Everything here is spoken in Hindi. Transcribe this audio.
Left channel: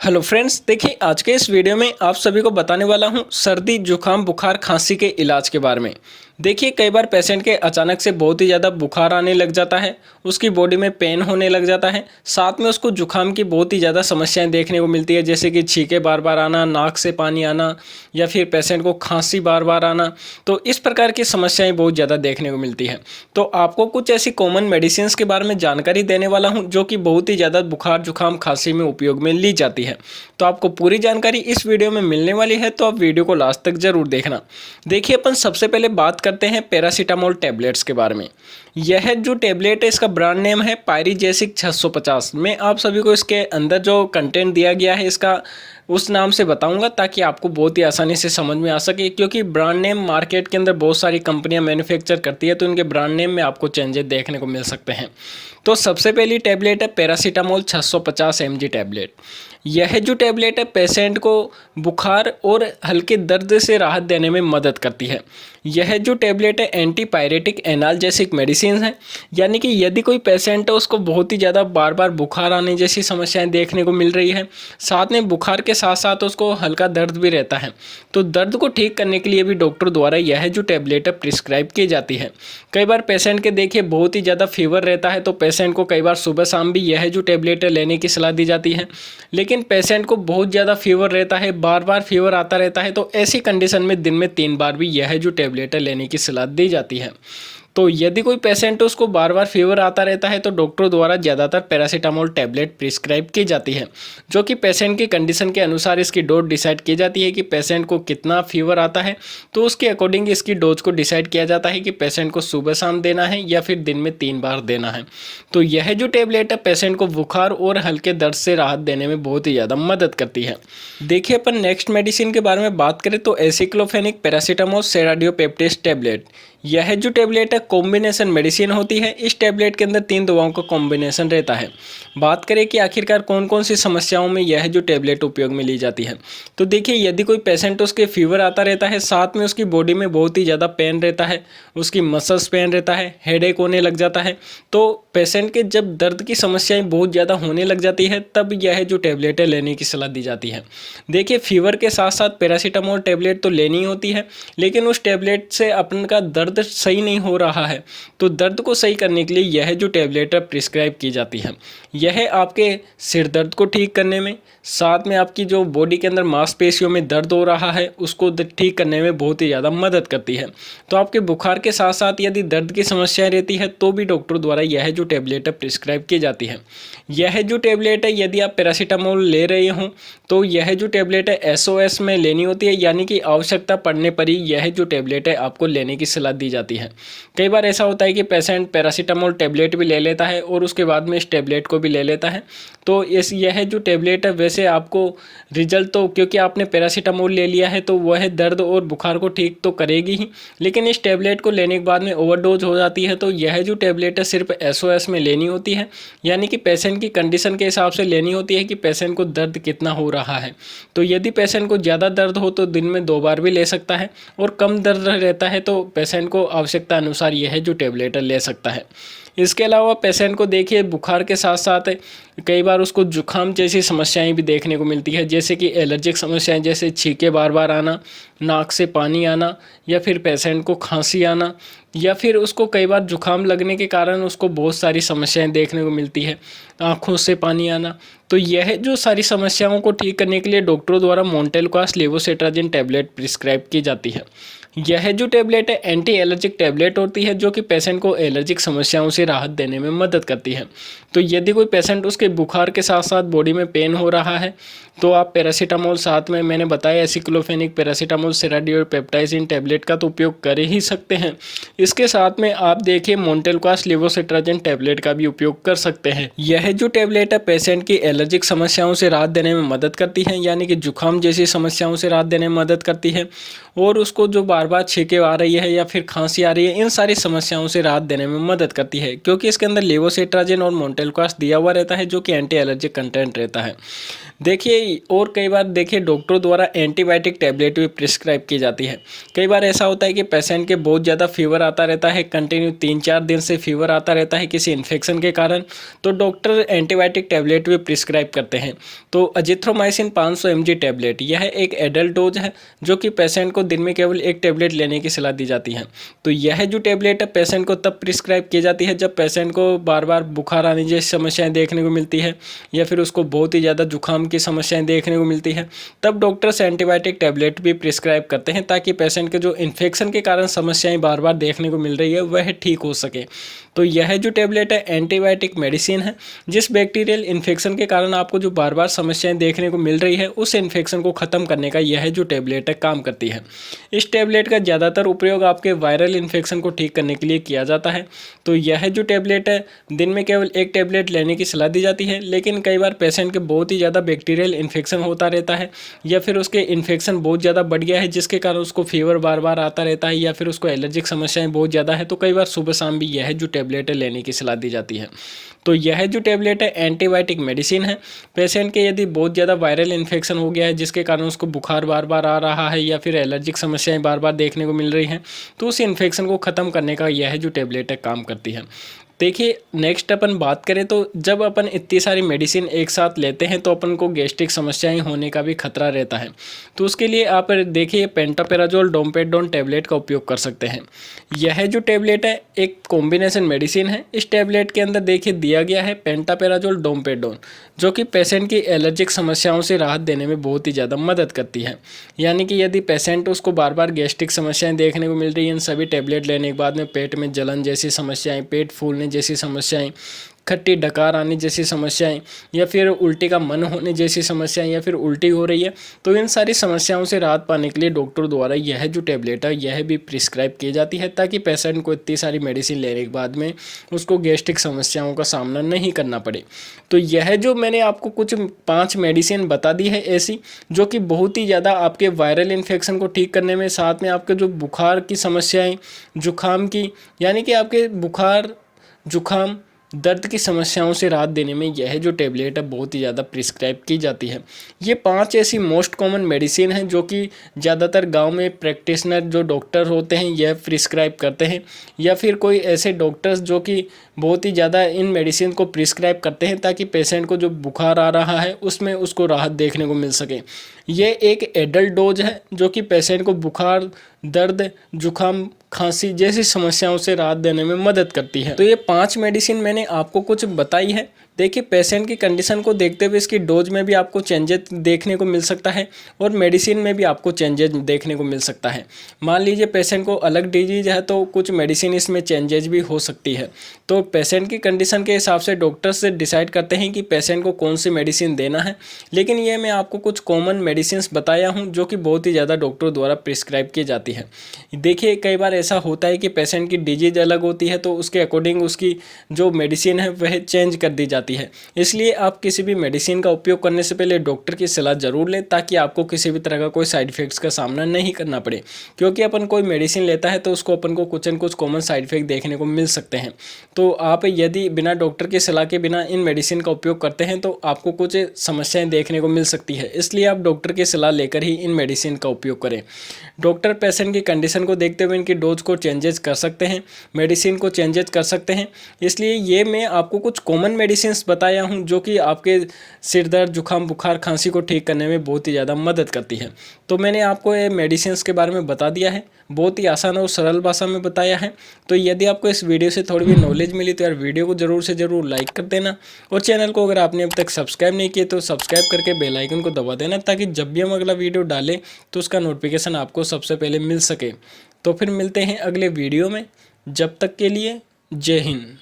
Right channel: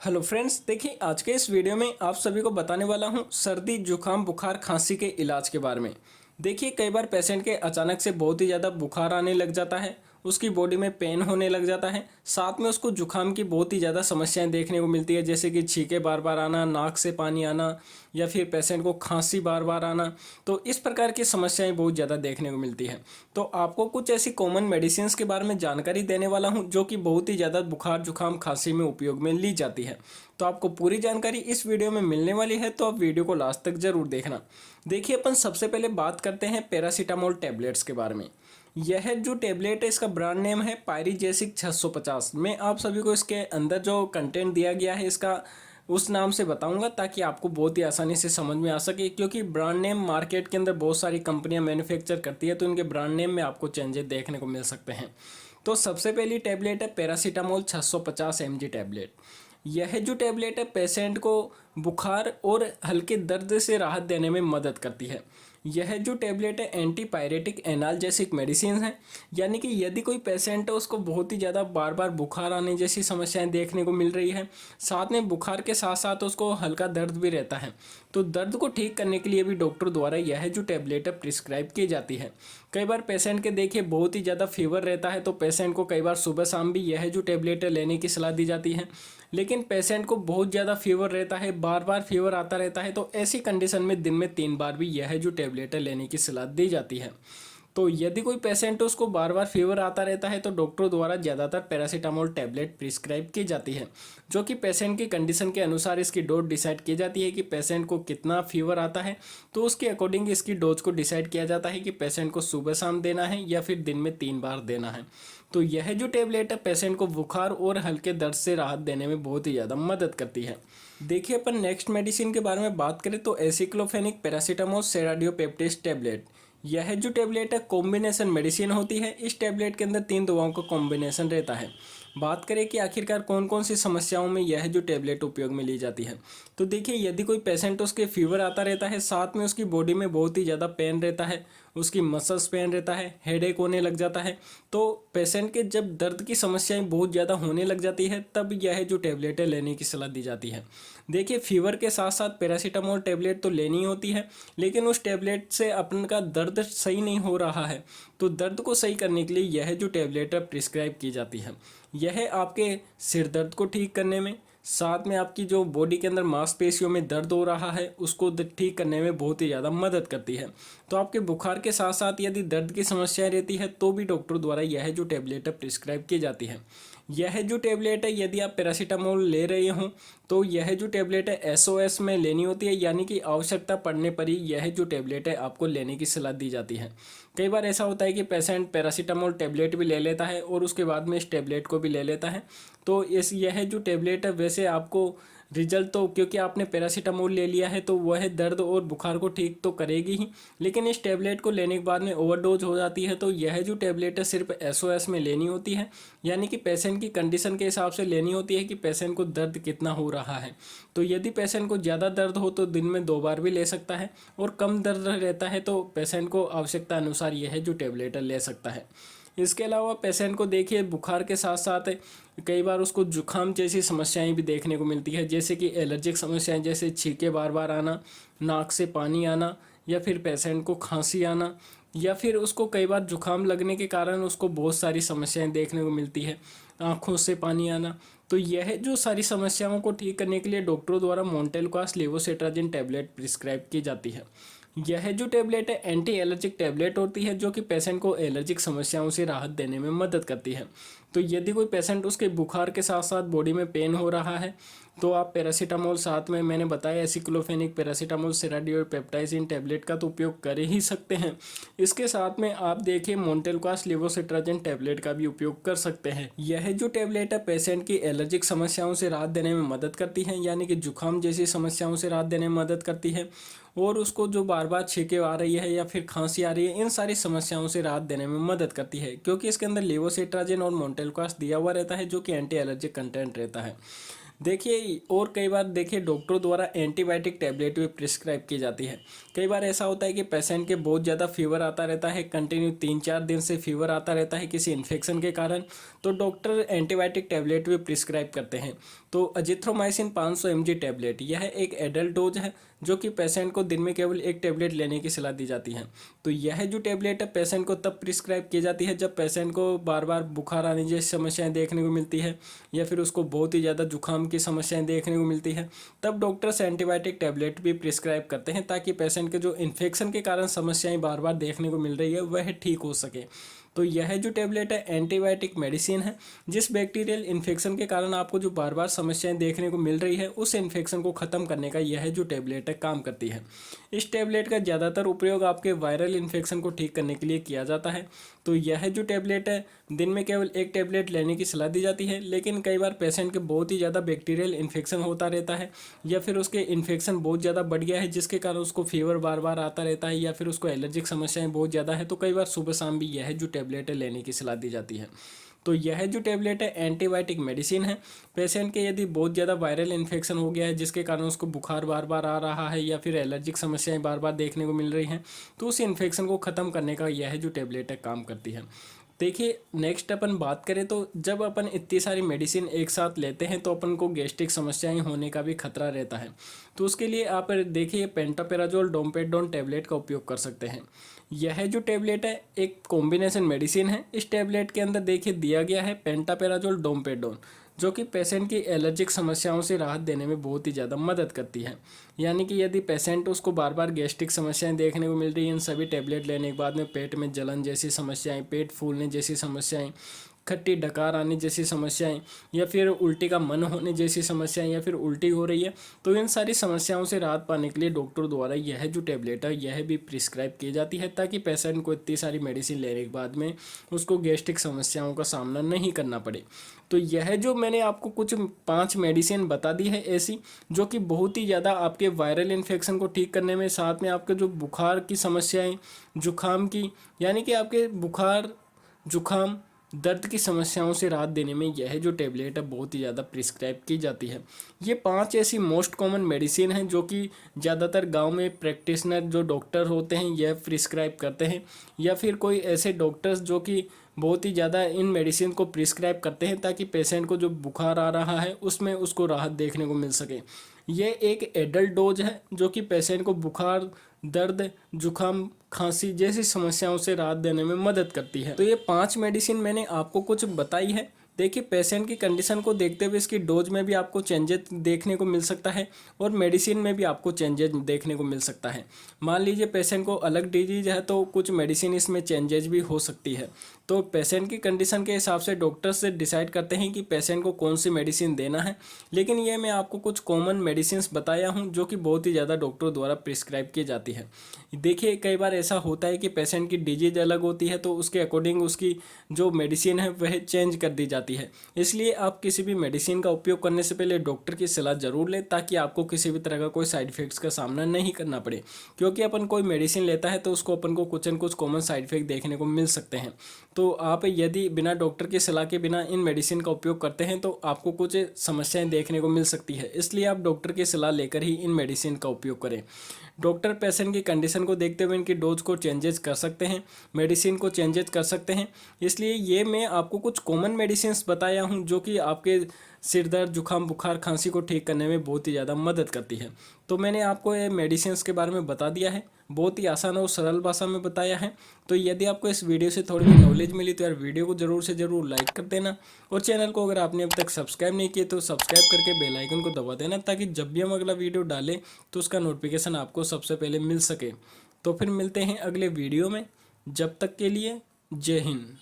हेलो फ्रेंड्स, देखिए आज के इस वीडियो में आप सभी को बताने वाला हूं सर्दी जुकाम बुखार खांसी के इलाज के बारे में। देखिए कई बार पेशेंट के अचानक से बहुत ही ज़्यादा बुखार आने लग जाता है, उसकी बॉडी में पेन होने लग जाता है, साथ में उसको जुकाम की बहुत ही ज़्यादा समस्याएं देखने को मिलती है, जैसे कि छींके बार बार आना, नाक से पानी आना या फिर पेशेंट को खांसी बार बार आना। तो इस प्रकार की समस्याएं बहुत ज़्यादा देखने को मिलती है। तो आपको कुछ ऐसी कॉमन मेडिसिन के बारे में जानकारी देने वाला हूँ जो कि बहुत ही ज़्यादा बुखार जुकाम खांसी में उपयोग में ली जाती है। तो आपको पूरी जानकारी इस वीडियो में मिलने वाली है, तो आप वीडियो को लास्ट तक जरूर देखना। देखिए अपन सबसे पहले बात करते हैं पैरासीटामोल टैबलेट्स के बारे में। यह जो टैबलेट है इसका ब्रांड नेम है पायरीजेसिक 650। मैं आप सभी को इसके अंदर जो कंटेंट दिया गया है इसका उस नाम से बताऊंगा ताकि आपको बहुत ही आसानी से समझ में आ सके, क्योंकि ब्रांड नेम मार्केट के अंदर बहुत सारी कंपनियां मैन्युफैक्चर करती है, तो इनके ब्रांड नेम में आपको चेंजेस देखने को मिल सकते हैं। तो सबसे पहली टैबलेट है पैरासीटामोल 650 mg टैबलेट। यह जो टैबलेट है पेशेंट को बुखार और हल्के दर्द से राहत देने में मदद करती है। यह जो टैबलेट है एंटीपायरेटिक एनाल्जेसिक मेडिसिन है, यानी कि यदि कोई पेशेंट है उसको बहुत ही ज़्यादा बार बार बुखार आने जैसी समस्याएं देखने को मिल रही है, साथ में बुखार के साथ साथ उसको हल्का दर्द भी रहता है, तो दर्द को ठीक करने के लिए भी डॉक्टर द्वारा यह जो टैबलेट है प्रिस्क्राइब की जाती है। कई बार पेशेंट के देखिए बहुत ही ज़्यादा फीवर रहता है, तो पेशेंट को कई बार सुबह शाम भी यह जो टैबलेट है लेने की सलाह दी जाती है। लेकिन पेशेंट को बहुत ज़्यादा फीवर रहता है, बार बार फीवर आता रहता है, तो ऐसी कंडीशन में दिन में 3 बार भी यह जो टैबलेट है लेने की सलाह दी जाती है। तो यदि कोई पेशेंट उसको बार बार फीवर आता रहता है तो डॉक्टर द्वारा ज़्यादातर पैरासीटामोल टैबलेट प्रिस्क्राइब की जाती है, जो कि पेशेंट की कंडीशन के अनुसार इसकी डोज डिसाइड की जाती है कि पेशेंट को कितना फीवर आता है, तो उसके अकॉर्डिंग इसकी डोज को डिसाइड किया जाता है कि पेशेंट को सुबह शाम देना है या फिर दिन में 3 बार देना है। तो यह जो टैबलेट है पेशेंट को बुखार और हल्के दर्द से राहत देने में बहुत ही ज़्यादा मदद करती है। देखिए अपन नेक्स्ट मेडिसिन के बारे में बात करें तो एसिक्लोफेनिक पैरासीटामोल सेराडियोपेप्टेस टैबलेट। यह जो टैबलेट है कॉम्बिनेशन मेडिसिन होती है। इस टैबलेट के अंदर 3 दवाओं का कॉम्बिनेशन रहता है। बात करें कि आखिरकार कौन कौन सी समस्याओं में यह जो टैबलेट उपयोग में ली जाती है, तो देखिए यदि कोई पेशेंट उसके फीवर आता रहता है, साथ में उसकी बॉडी में बहुत ही ज़्यादा पेन रहता है, उसकी मसल्स पेन रहता है, हेडेक होने लग जाता है, तो पेशेंट के जब दर्द की समस्याएं बहुत ज़्यादा होने लग जाती है तब यह जो टैबलेट है लेने की सलाह दी जाती है। देखिए फीवर के साथ साथ पैरासीटामोल टैबलेट तो लेनी होती है, लेकिन उस टैबलेट से अपन का दर्द सही नहीं हो रहा है, तो दर्द को सही करने के लिए यह जो टैबलेट है प्रिस्क्राइब की जाती है। यह आपके सिर दर्द को ठीक करने में, साथ में आपकी जो बॉडी के अंदर मांसपेशियों में दर्द हो रहा है उसको ठीक करने में बहुत ही ज़्यादा मदद करती है। तो आपके बुखार के साथ साथ यदि दर्द की समस्या रहती है तो भी डॉक्टर द्वारा यह जो टैबलेट है प्रिस्क्राइब की जाती है। यह जो टैबलेट है यदि आप पैरासीटामोल ले रहे हों तो यह जो टैबलेट है एसओएस में लेनी होती है, यानी कि आवश्यकता पड़ने पर ही यह जो टैबलेट है आपको लेने की सलाह दी जाती है। कई बार ऐसा होता है कि पेशेंट पैरासीटामोल टैबलेट भी ले लेता है और उसके बाद में इस टैबलेट को भी ले लेता है, तो यह जो टैबलेट है वैसे आपको रिजल्ट तो, क्योंकि आपने पैरासीटामोल ले लिया है तो वह दर्द और बुखार को ठीक तो करेगी ही, लेकिन इस टैबलेट को लेने के बाद में ओवरडोज हो जाती है। तो यह जो टैबलेट है सिर्फ एसओएस में लेनी होती है, यानी कि पेशेंट की कंडीशन के हिसाब से लेनी होती है कि पेशेंट को दर्द कितना हो रहा है। तो यदि पेशेंट को ज़्यादा दर्द हो तो दिन में 2 बार भी ले सकता है, और कम दर्द रहता है तो पेशेंट को आवश्यकता अनुसार यह जो टैबलेट ले सकता है। इसके अलावा पेशेंट को देखिए बुखार के साथ साथ कई बार उसको जुखाम जैसी समस्याएं भी देखने को मिलती है, जैसे कि एलर्जिक समस्याएं, जैसे छींके बार बार आना, नाक से पानी आना, या फिर पेशेंट को खांसी आना, या फिर उसको कई बार जुखाम लगने के कारण उसको बहुत सारी समस्याएं देखने को मिलती है, आँखों से पानी आना। तो यह जो सारी समस्याओं को ठीक करने के लिए डॉक्टरों द्वारा मोंटेलुकास लेवोसिट्राजिन टैबलेट प्रिस्क्राइब की जाती है। यह जो टैबलेट है एंटी एलर्जिक टैबलेट होती है, जो कि पेशेंट को एलर्जिक समस्याओं से राहत देने में मदद करती है। तो यदि कोई पेशेंट उसके बुखार के साथ साथ बॉडी में पेन हो रहा है तो आप पैरासीटामोल, साथ में मैंने बताया एसिक्लोफेनिक पैरासीटामोल सेराडियोपेप्टाइसिन टैबलेट का तो उपयोग कर ही सकते हैं। इसके साथ में आप देखिए मोंटेलुकास लेवोसिट्राजिन टैबलेट का भी उपयोग कर सकते हैं। यह जो टैबलेट है पेशेंट की एलर्जिक समस्याओं से राहत देने में मदद करती है, यानी कि जुकाम जैसी समस्याओं से राहत देने में मदद करती है, और उसको जो बार बार छींके आ रही है या फिर खांसी आ रही है, इन सारी समस्याओं से राहत देने में मदद करती है, क्योंकि इसके अंदर लेवोसिट्राजिन और टेलीकास्ट दिया हुआ रहता है जो कि एंटी एलर्जिक कंटेंट रहता है। देखिए और कई बार देखिए डॉक्टर द्वारा एंटीबायोटिक टैबलेट भी प्रिस्क्राइब की जाती है। कई बार ऐसा होता है कि पेशेंट के बहुत ज़्यादा फीवर आता रहता है, कंटिन्यू 3-4 दिन से फीवर आता रहता है किसी इन्फेक्शन के कारण, तो डॉक्टर एंटीबायोटिक टैबलेट भी प्रिस्क्राइब करते हैं। तो अजिथ्रोमाइसिन 500 mg टैबलेट यह एक एडल्ट डोज है जो कि पेशेंट को दिन में केवल एक टैबलेट लेने की सलाह दी जाती है। तो यह जो टैबलेट है पेशेंट को तब प्रिस्क्राइब की जाती है जब पेशेंट को बार बार बुखार आने जैसी समस्याएं देखने को मिलती है या फिर उसको बहुत ही ज़्यादा जुकाम की समस्याएं देखने को मिलती है, तब डॉक्टर्स एंटीबायोटिक टैबलेट भी प्रिस्क्राइब करते हैं ताकि पेशेंट के जो इन्फेक्शन के कारण समस्याएं बार बार देखने को मिल रही है वह ठीक हो सके। तो यह जो टैबलेट है एंटीबायोटिक मेडिसिन है, जिस बैक्टीरियल इन्फेक्शन के कारण आपको जो बार बार समस्याएं देखने को मिल रही है उस इन्फेक्शन को ख़त्म करने का यह जो टैबलेट है काम करती है। इस टैबलेट का ज़्यादातर उपयोग आपके वायरल इन्फेक्शन को ठीक करने के लिए किया जाता है। तो यह जो टैबलेट है दिन में केवल एक टैबलेट लेने की सलाह दी जाती है, लेकिन कई बार पेशेंट के बहुत ही ज़्यादा बैक्टीरियल इन्फेक्शन होता रहता है या फिर उसके इन्फेक्शन बहुत ज़्यादा बढ़ गया है जिसके कारण उसको फीवर बार बार आता रहता है या फिर उसको एलर्जिक समस्याएं बहुत ज़्यादा है, तो कई बार सुबह शाम भी यह जो टैबलेट है लेने की सलाह दी जाती है। तो यह जो टैबलेट है एंटीबायोटिक मेडिसिन है। पेशेंट के यदि बहुत ज़्यादा वायरल इन्फेक्शन हो गया है जिसके कारण उसको बुखार बार बार आ रहा है या फिर एलर्जिक समस्याएं बार बार देखने को मिल रही हैं, तो उस इन्फेक्शन को ख़त्म करने का यह जो टैबलेट है काम करती है। देखिए नेक्स्ट अपन बात करें तो जब अपन इतनी सारी मेडिसिन एक साथ लेते हैं तो अपन को गैस्ट्रिक समस्याएं होने का भी खतरा रहता है। तो उसके लिए आप देखिए पेंटापेराजोल डोमपेडोन टैबलेट का उपयोग कर सकते हैं। यह जो टैबलेट है एक कॉम्बिनेशन मेडिसिन है। इस टैबलेट के अंदर देखिए दिया गया है पेंटापेराजोल डोमपेडोन, जो कि पेशेंट की एलर्जिक समस्याओं से राहत देने में बहुत ही ज़्यादा मदद करती है। यानी कि यदि पेशेंट उसको बार बार गैस्ट्रिक समस्याएं देखने को मिल रही हैं, इन सभी टैबलेट लेने के बाद में पेट में जलन जैसी समस्याएं, पेट फूलने जैसी समस्याएं, खट्टी डकार आने जैसी समस्याएं या फिर उल्टी का मन होने जैसी समस्याएं या फिर उल्टी हो रही है, तो इन सारी समस्याओं से राहत पाने के लिए डॉक्टर द्वारा यह जो टैबलेट है यह भी प्रिस्क्राइब की जाती है ताकि पेशेंट को इतनी सारी मेडिसिन लेने के बाद में उसको गैस्ट्रिक समस्याओं का सामना नहीं करना पड़े। तो यह जो मैंने आपको कुछ 5 मेडिसिन बता दी है ऐसी जो कि बहुत ही ज़्यादा आपके वायरल इन्फेक्शन को ठीक करने में, साथ में आपके जो बुखार की समस्याएँ, जुकाम की, यानी कि आपके बुखार जुकाम दर्द की समस्याओं से राहत देने में यह जो टैबलेट है बहुत ही ज़्यादा प्रिस्क्राइब की जाती है। ये 5 ऐसी मोस्ट कॉमन मेडिसिन हैं जो कि ज़्यादातर गांव में प्रैक्टिशनर जो डॉक्टर होते हैं यह प्रिस्क्राइब करते हैं या फिर कोई ऐसे डॉक्टर्स जो कि बहुत ही ज़्यादा इन मेडिसिन को प्रिस्क्राइब करते हैं ताकि पेशेंट को जो बुखार आ रहा है उसमें उसको राहत देखने को मिल सके। ये एक एडल्ट डोज है जो कि पेशेंट को बुखार, दर्द, जुकाम, खांसी जैसी समस्याओं से राहत देने में मदद करती है। तो ये 5 मेडिसिन मैंने आपको कुछ बताई है। देखिए पेशेंट की कंडीशन को देखते हुए इसकी डोज में भी आपको चेंजेस देखने को मिल सकता है और मेडिसिन में भी आपको चेंजेस देखने को मिल सकता है। मान लीजिए पेशेंट को अलग डिजीज है तो कुछ मेडिसिन इसमें चेंजेस भी हो सकती है। तो पेशेंट की कंडीशन के हिसाब से डॉक्टर्स से डिसाइड करते हैं कि पेशेंट को कौन सी मेडिसिन देना है। लेकिन ये मैं आपको कुछ कॉमन मेडिसिन बताया हूँ जो कि बहुत ही ज़्यादा डॉक्टर द्वारा प्रिस्क्राइब की जाती है। देखिए कई बार ऐसा होता है कि पेशेंट की डिजीज अलग होती है तो उसके अकॉर्डिंग उसकी जो मेडिसिन है वह चेंज कर दी जाती है। इसलिए आप किसी भी मेडिसिन का उपयोग करने से पहले डॉक्टर की सलाह जरूर लें ताकि आपको किसी भी तरह का कोई साइड इफेक्ट्स का सामना नहीं करना पड़े। क्योंकि अपन कोई मेडिसिन लेता है तो उसको अपन को कुछ न कुछ कॉमन साइड इफेक्ट देखने को मिल सकते हैं। तो आप यदि बिना डॉक्टर की सलाह के बिना इन मेडिसिन का उपयोग करते हैं तो आपको कुछ समस्याएं देखने को मिल सकती है। इसलिए आप डॉक्टर की सलाह लेकर ही इन मेडिसिन का उपयोग करें। डॉक्टर पेशेंट की कंडीशन को देखते हुए इनकी डोज को चेंजेस कर सकते हैं, मेडिसिन को चेंजेस कर सकते हैं। इसलिए ये मैं आपको कुछ कॉमन मेडिसिन बताया हूँ जो कि आपके सिर दर्द, जुकाम, बुखार, खांसी को ठीक करने में बहुत ही ज़्यादा मदद करती है। तो मैंने आपको ये मेडिसिन के बारे में बता दिया है, बहुत ही आसान और सरल भाषा में बताया है। तो यदि आपको इस वीडियो से थोड़ी भी नॉलेज मिली तो यार वीडियो को ज़रूर से ज़रूर लाइक कर देना और चैनल को अगर आपने अब तक सब्सक्राइब नहीं किया तो सब्सक्राइब करके बेल आइकन को दबा देना ताकि जब भी हम अगला वीडियो डालें तो उसका नोटिफिकेशन आपको सबसे पहले मिल सके। तो फिर मिलते हैं अगले वीडियो में, जब तक के लिए जय हिंद।